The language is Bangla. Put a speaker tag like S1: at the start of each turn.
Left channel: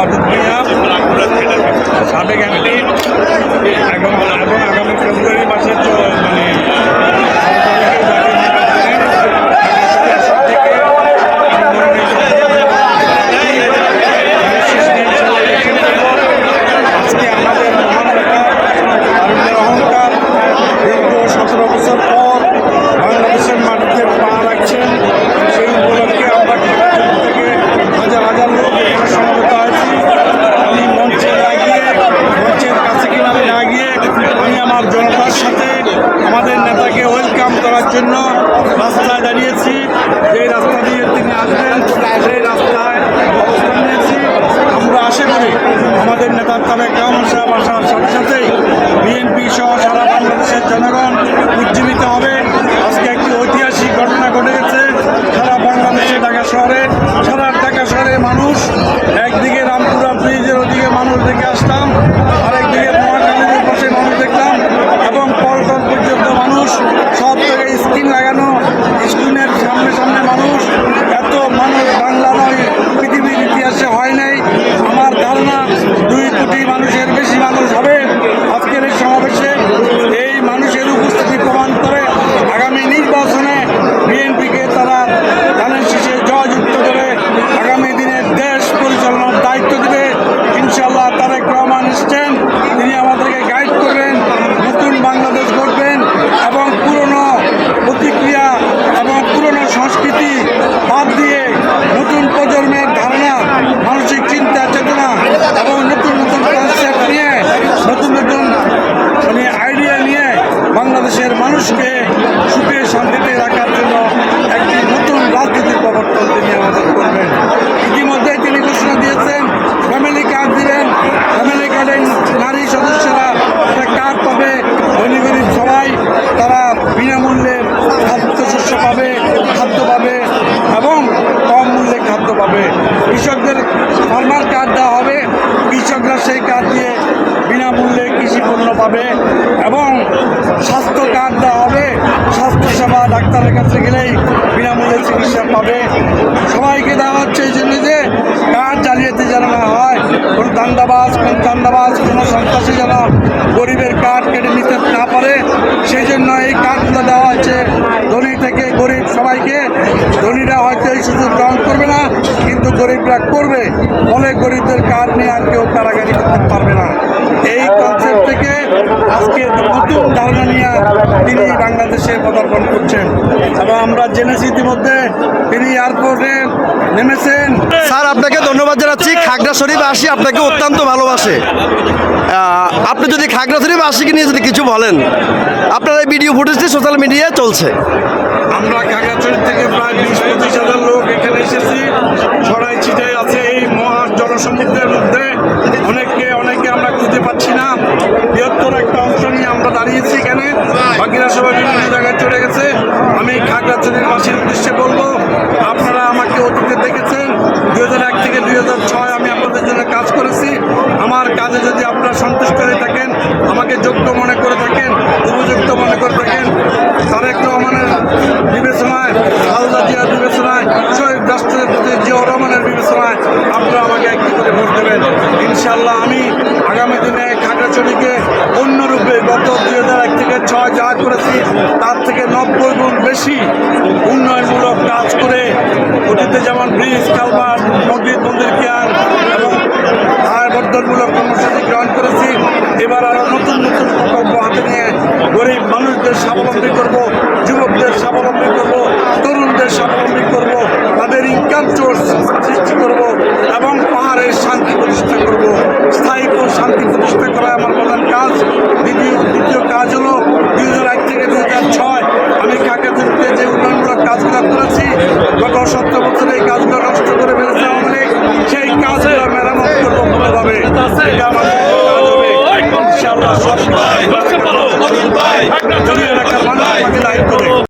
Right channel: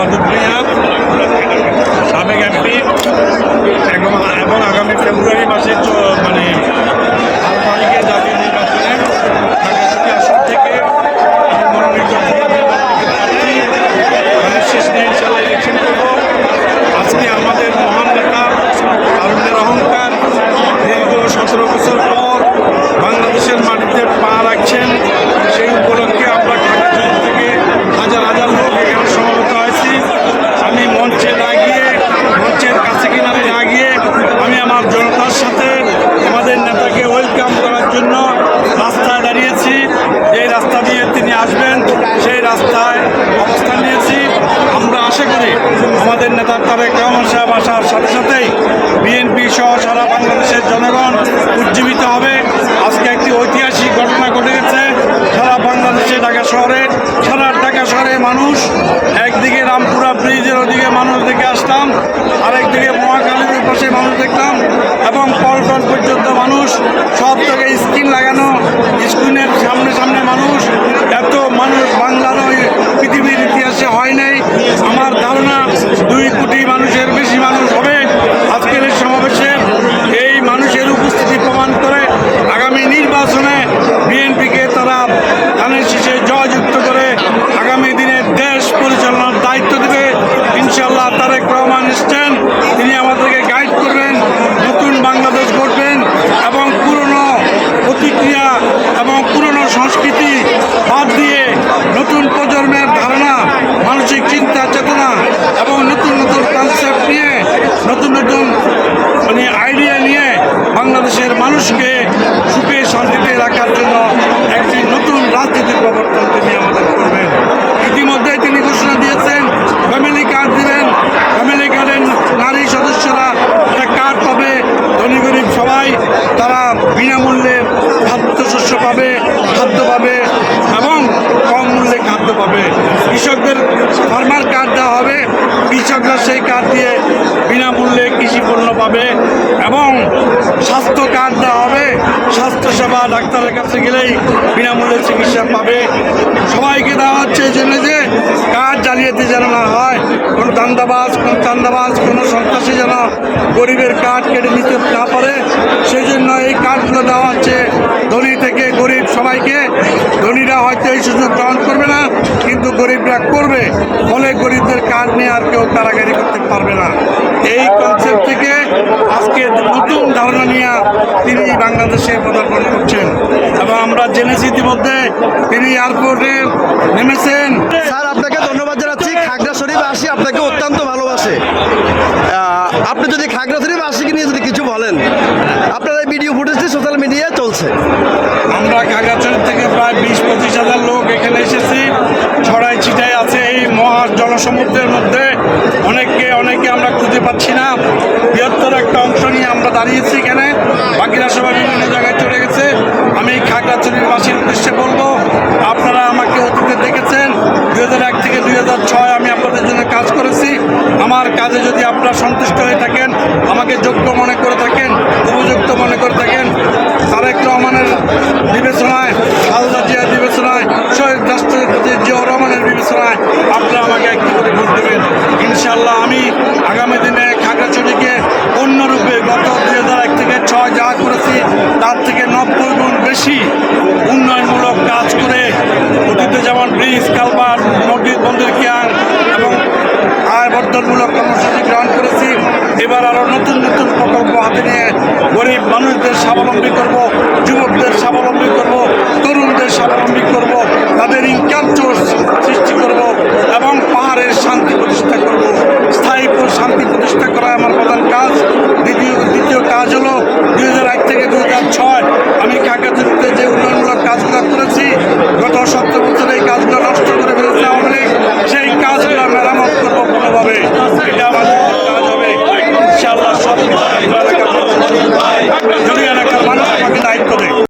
S1: ওয়াদুদ মিয়া সাবেক এমপি এবং এবং আগামী ফেব্রুয়ারি মাসে মানে বারো তারিখে জাতীয় নির্বাচনে খাগড়াছড়ি আসন থেকে আমি মনোনীত প্রার্থী। আমি শেষ নিয়ে ইনশাল্লাহ ইলেকশন করব আজকে আমাদের মহান নেতা তারুণ্যের অহংকার দীর্ঘ সতেরো বছর পর বাংলাদেশের মাটিতে পা রাখছেন সেই উপলক্ষে আমরা খাগড়াছড়ি থেকে হাজার হাজার লোক এখানে সমবেত হয়েছি আমি মঞ্চে না গিয়ে মঞ্চের কাছে কিনারে না গিয়ে আমি আমার জনতার সাথে আমাদের নেতাকে ওয়েলকাম করার জন্য রাস্তায় দাঁড়িয়েছি। যে রাস্তা দিয়ে তিনি আসবেন, সেই রাস্তায় অবস্থান নিয়েছি। আমরা আশা করি আমাদের নেতার তারেক রহমান সাহেব আসার সাথে সাথেই বিএনপি সহ সারা বাংলাদেশের জনগণ উজ্জীবিত হবে। আজকে একটি ঐতিহাসিক ঘটনা ঘটে গেছে। সারা বাংলাদেশে ঢাকা শহরে, সারা ঢাকা শহরে মানুষ, একদিকে রামপুরা ব্রিজের ওদিকে মানুষ দেখে আসতাম, আরেকদিকে দেখলাম এবং পল্টন পর্যন্ত মানুষ সব জায়গায় স্ক্রিন লাগানো স্ক্রিনের সামনে সামনে মানুষ এত মানুষ বাংলা নয় পৃথিবীর ইতিহাসে হয় নাই আমার ধারণা দুই কোটি মানুষের বেশি মানুষ হবে আজকের এই সমাবেশে এই মানুষের উপস্থিতি প্রমাণ করে আগামী নির্বাচনে বিএনপিকে তারা ধানের শীষে জয়যুক্ত করে আগামী দিনে দেশ পরিচালনার দায়িত্ব দেবে ইনশাল্লাহ তারেক রহমান এসছেন। তিনি আমাদেরকে গাইড করবেন, নতুন বাংলাদেশ গড়বেন এবং পুরনো প্রতিক্রিয়া এবং পুরনো সংস্কৃতি বাদ দিয়ে নতুন প্রজন্মের ধারণা, মানসিক চিন্তা, চেতনা এবং নতুন নতুন কনসেপ্ট নিয়ে, নতুন নতুন মানে আইডিয়া নিয়ে বাংলাদেশের মানুষকে সুখে শান্তিতে রাখার জন্য একটি নতুন রাজনীতির প্রবর্তন তিনি আমাদের করবেন। ইতিমধ্যেই তিনি ঘোষণা দিয়েছেন ফ্যামিলি কার্ড দিবেন ফ্যামিলি কার্ডের নারী সদস্যরা একটা কার্ড পাবে, ধনী গরিব সবাই, তারা বিনামূল্যে খাদ্যশস্য পাবে, খাদ্য পাবে এবং কম মূল্যে খাদ্য পাবে। কৃষকদের ফার্মার কার্ড দেওয়া হবে, কৃষকরা সেই কার্ড দিয়ে বিনামূল্যে কৃষি পণ্য পাবে এবং স্বাস্থ্য কার্ড দেওয়া হবে। স্বাস্থ্যসেবা ডাক্তারের কাছে গেলেই বিনামূল্যে চিকিৎসা পাবে। সবাইকে দেওয়া হচ্ছে এই জন্য কার্ড জালিয়াতি যেন না হয়, কোন দান্দাবাজ, কোন চান্দাবাজ, কোনো সন্ত্রাসী যেন গরিবের কাঠ কেটে নিতে না পারে, সেই জন্য এই দেওয়া হচ্ছে ধনী থেকে গরিব সবাইকে। ধনীরা হয়তো এই সুযোগ গ্রহণ করবে না, কিন্তু গরিবরা করবে। ফলে গরিবদের কার্ড নিয়ে আর কেউ কারাগারি করতে পারবে না। এই কনসেপ্ট থেকে আজকে নতুন ধারণা নিয়ে তিনি বাংলাদেশে পদার্পণ করছেন। এবং আমরা জেনেছি ইতিমধ্যে তিনি এয়ারপোর্টে নেমেছেন।
S2: স্যার, আপনাকে ধন্যবাদ জানাচ্ছি। খাগড়া শরীফ আসি আপনাকে অত্যন্ত ভালোবাসে। আপনি যদি খাগড়াছড়ি বাসীকে নিয়ে যদি কিছু বলেন, আপনার এই ভিডিও ফুটেজটি সোশ্যাল মিডিয়ায় চলছে।
S1: আমরা খাগড়াছড়ি থেকে প্রায় বিশ, পঁচিশ হাজার লোক এখানে এসেছি। ছড়াই ছিটাই আছে এই মহা জনসমুদ্রের মধ্যে। অনেককে অনেকে আমরা খুঁজে পাচ্ছি না। বৃহত্তর একটা অংশ নিয়ে আমরা দাঁড়িয়েছি এখানে। বাকিরা সবাই বিভিন্ন জায়গায় চলে গেছে। আমি খাগড়াছড়ির বাসীর উদ্দেশ্যে বলব, আপনারা আমাকে অতীতে দেখেছেন। দুই এক থেকে দুই ছয় আমি আপনাদের জন্য কাজ করেছি। আমার কাজে যদি আপনারা সন্তুষ্ট হয়ে থাকেন, আমাকে যোগ্য মনে করে থাকেন, উপযুক্ত মনে করে থাকেন, তারেক রহমানের বিবেচনায় খালেদা জিয়ার বিবেচনায়, শহীদ রাষ্ট্রপতি জিয়াউর রহমানের বিবেচনায় আপনারা আমাকে একটি করে ভোট দেবেন। ইনশাল্লাহ আমি আগামী দিনে খাগড়াছড়িকে অন্যরূপে গত দুই হাজার এক থেকে ছয় যা করেছি, তার থেকে নব্বই গুণ বেশি উন্নয়নমূলক কাজ করে অতীতে যেমন ব্রিজ কালভার্ট মসজিদ, মন্দির ক্যান এবং আয় বর্ধনমূলক কর্মসূচি গ্রহণ করেছি। এবার আরও নতুন নতুন প্রকল্প হাতে নিয়ে গরিব মানুষদের স্বাবলম্বী করব, যুবকদের স্বাবলম্বী করব, তরুণদের স্বাবলম্বী করব, তাদের ইনকাম সোর্স সৃষ্টি করব এবং পাহাড়ের শান্তি প্রতিষ্ঠা করব। স্থায়ী শান্তি প্রতিষ্ঠা করা আমার প্রধান কাজ। দ্বিতীয় দ্বিতীয় কাজ হলো দুই হাজার এক থেকে দুই হাজার ছয় আমি কাকাতুরিতে যে উন্নয়নমূলক কাজগুলো করেছি, গত সত্তর বছরে এই কাজগুলো নষ্ট করে কোনোভাবে এটা আমাদের কাজ হবে। ইনশাআল্লাহ সব কিছু এলাকার মানুষ যদি এলাকার মানুষ আমাকে দায়িত্ব দেয়।